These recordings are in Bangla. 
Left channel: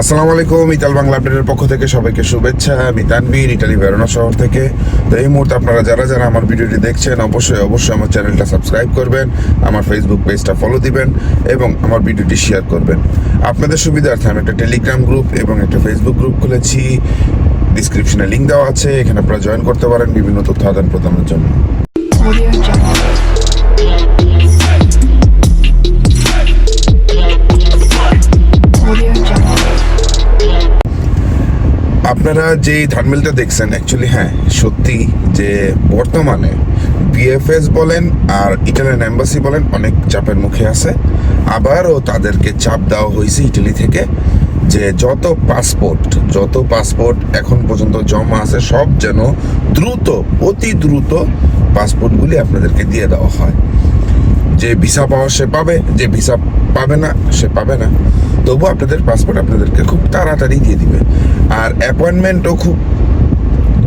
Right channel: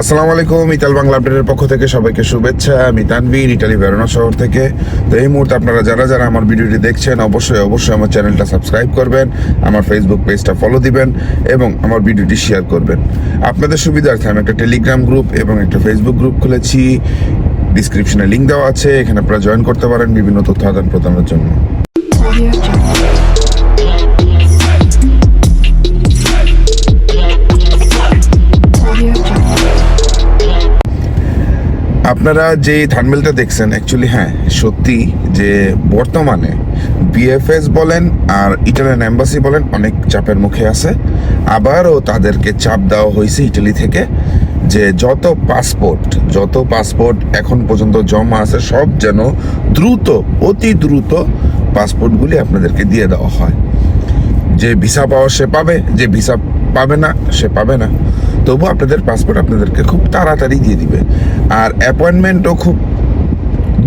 আসসালামু আলাইকুম। ইতাল বাংলা আপডেটের পক্ষ থেকে সবাইকে শুভেচ্ছা। আমি তানভীর, ইটালি ভেরোনা শহর থেকে। তো এই মুহূর্তে আপনারা যারা আমার ভিডিওটি দেখছেন অবশ্যই আমার চ্যানেলটা সাবস্ক্রাইব করবেন, আমার ফেসবুক পেজটা ফলো দিবেন এবং আমার ভিডিওটি শেয়ার করবেন। আপনাদের সুবিধার্থে আমি একটা টেলিগ্রাম গ্রুপ এবং একটা ফেসবুক গ্রুপ খুলেছি। ডিসক্রিপশনে লিঙ্ক দেওয়া আছে, এখানে আপনারা জয়েন করতে পারেন বিভিন্ন তথ্য আদান প্রদানের জন্য। আপনারা যে থাম্বনেলটা দেখছেন অ্যাকচুয়ালি হ্যাঁ সত্যি যে বর্তমানে বিএফএস বলেন আর ইটালিয়ান এম্বাসি বলেন অনেক চাপের মুখে আছে। আবারও তাদেরকে চাপ দেওয়া হয়েছে ইটালি থেকে যে যত পাসপোর্ট এখন পর্যন্ত জমা আছে সব যেন অতি দ্রুত পাসপোর্টগুলি আপনাদেরকে দিয়ে দেওয়া হয়। যে ভিসা পাওয়া সে পাবে, যে ভিসা পাবে না সে পাবে না, তবু আপনাদের পাসপোর্ট আপনাদেরকে খুব তাড়াতাড়ি দিয়ে দিবে। আর অ্যাপয়েন্টমেন্টও খুব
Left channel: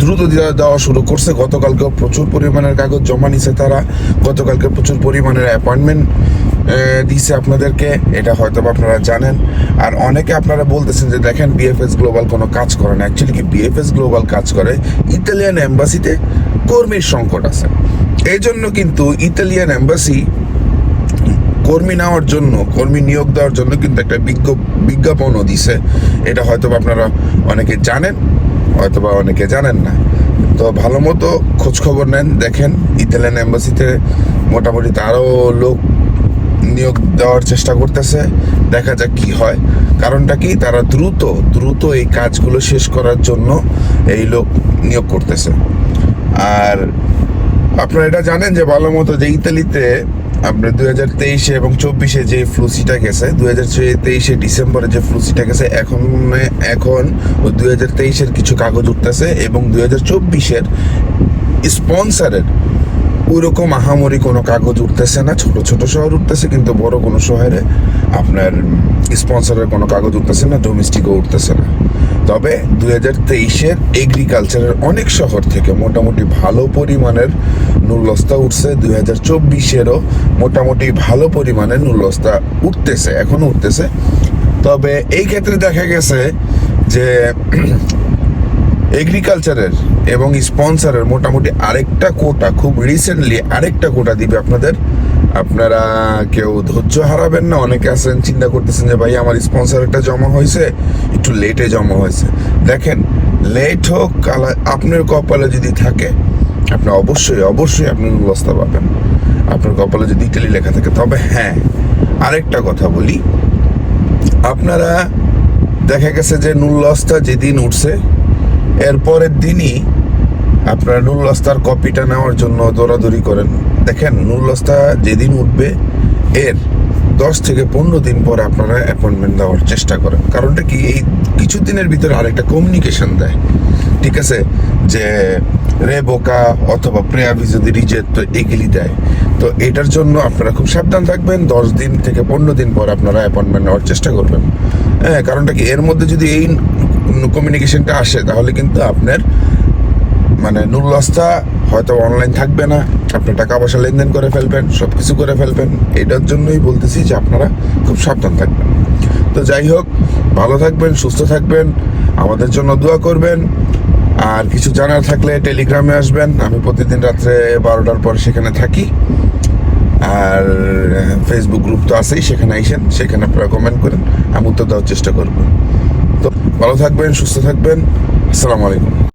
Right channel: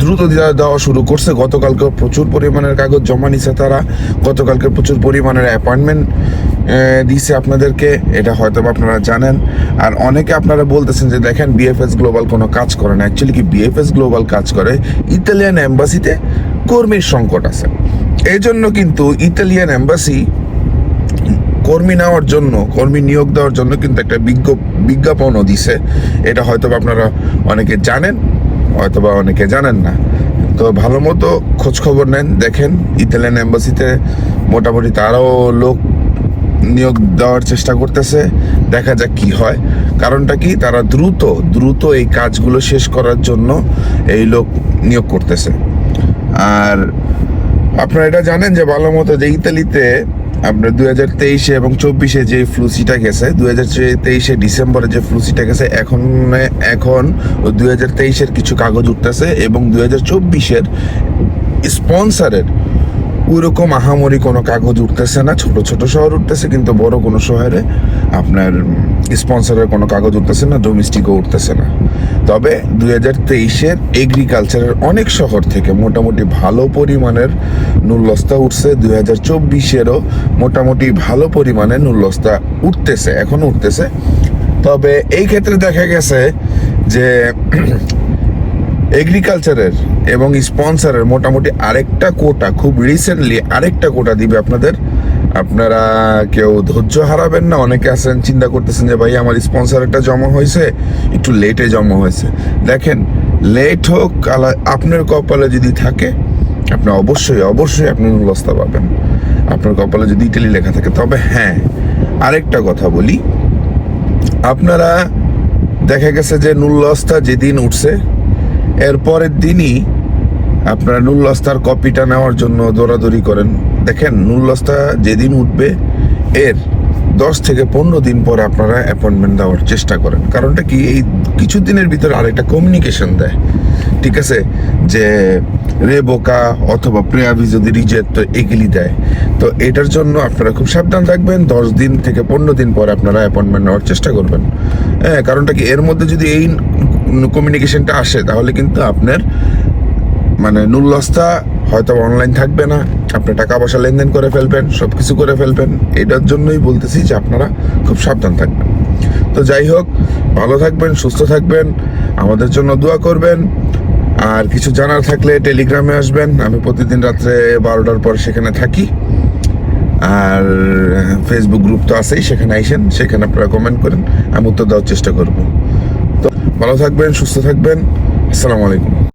দ্রুত দেওয়া শুরু করছে। গতকালকে প্রচুর পরিমাণের কাগজ জমা নিছে তারা, গতকালকে প্রচুর পরিমাণের অ্যাপয়েন্টমেন্ট দিছে আপনাদেরকে, এটা হয়তো আপনারা জানেন। আর অনেকে আপনারা বলতেছেন যে দেখেন বিএফএস গ্লোবাল কোনো কাজ করে না। অ্যাকচুয়ালি কি বিএফএস গ্লোবাল কাজ করে, ইতালিয়ান এম্বাসিতে কর্মীর সংকট আছে। এই জন্য কিন্তু ইতালিয়ান এম্বাসি কর্মী নিয়োগ দেওয়ার জন্য কিন্তু একটা বিজ্ঞাপনও দিছে। এটা হয়তো আপনারা অনেকে জানেন, হয়তোবা অনেকে জানেন না। তো ভালো মতো খোঁজ খবর নেন, দেখেন ইতালিয়ান এম্বাসিতে মোটামুটি তারাও লোক নিয়োগ দেওয়ার চেষ্টা করতেছে। দেখা যাক কি হয়। কারণটা কি, তারা দ্রুত এই কাজগুলো শেষ করার জন্য এই লোক নিয়োগ করতেছে। আর আপনারা এটা জানেন যে ভালো মতো যে ইতালিতে আপনার 2023 এবং 24 যে ফ্লুসিটা গেছে, 2023 ডিসেম্বরে যে ফ্লুসিটা গেছে, এখন ওই 2023 কিছু কাগজ উঠতেছে এবং 2024 স্পন্সরের ওইরকম আহামরি কোনো কাগজ উঠতেছে না। ছোট শহর উঠতেছে, কিন্তু বড় কোনো শহরে আপনার স্পন্সরের কোনো কাগজ উঠতেছে না, ডোমেস্টিকও উঠতেছে না। তবে 2023 এগ্রিকালচারের অনেক শহর থেকে মোটামুটি ভালো পরিমাণের নুলস্তা উঠছে। 2024 মোটামুটি ভালো পরিমাণের নুলস্তা এখনো উঠতেছে। তবে এই ক্ষেত্রে দেখা গেছে যে এগ্রিকালচারের এবং স্পন্সরের মোটামুটি খুব রিসেন্টলি আরেকটা কোটা দিবে আপনাদের। আপনারা কেউ ধৈর্য হারাবেন না। অনেকে আছেন চিন্তা করতেছেন যে ভাই আমার স্পন্সরটা জমা হয়েছে, একটু লেটে জমা হয়েছে। দেখেন লেট হোক, আপনার কপালে যদি থাকে আপনি অবশ্যই আপনি নুলস্তা পাবেন, আপনার কপালে যদি ইটালি লেখা থাকে। তবে হ্যাঁ, আরেকটা কথা বলি, আপনারা দেখা গেছে যে নুলস্তা যেদিন উঠছে এরপরের দিনই আপনারা নুলস্তার কপিটা নেওয়ার জন্য দৌড়াদৌড়ি করেন। দেখেন নুলস্তা যেদিন উঠবে এর 10 থেকে 15 দিন পরে আপনারা অ্যাপয়েন্টমেন্ট দেওয়ার চেষ্টা করেন। কারণটা কি, এই কিছু দিনের ভিতরে আরেকটা কমিউনিকেশন দেয়, ঠিক আছে, যে রেবোকা অথবা প্রেয়াভি যদি রিজেক্ট এগুলি দেয়। তো এটার জন্য আপনারা খুব সাবধান থাকবেন। 10 দিন থেকে 15 দিন পর আপনারা অ্যাপয়েন্টমেন্ট নেওয়ার চেষ্টা করবেন। হ্যাঁ, কারণটা কি, এর মধ্যে যদি এই কমিউনিকেশনটা আসে তাহলে কিন্তু আপনার নুলস্তা হয়তো অনলাইন থাকবে না, আপনি টাকা পয়সা লেনদেন করে ফেলবেন, সবকিছু করে ফেলবেন। এটার জন্যই বলতেছি যে আপনারা খুব সাবধান থাকবেন। তো যাই হোক, ভালো থাকবেন, সুস্থ থাকবেন, আমাদের জন্য দোয়া করবেন। আর কিছু জানার থাকলে টেলিগ্রামে আসবেন, আমি প্রতিদিন রাত্রে 12টার পর সেখানে থাকি। আর ফেসবুক গ্রুপ তো আছেই, সেখানে আইসেন, সেখানে আপনারা কমেন্ট করেন, আমি উত্তর দেওয়ার চেষ্টা করব। তো ভালো থাকবেন, সুস্থ থাকবেন। আসসালামু আলাইকুম।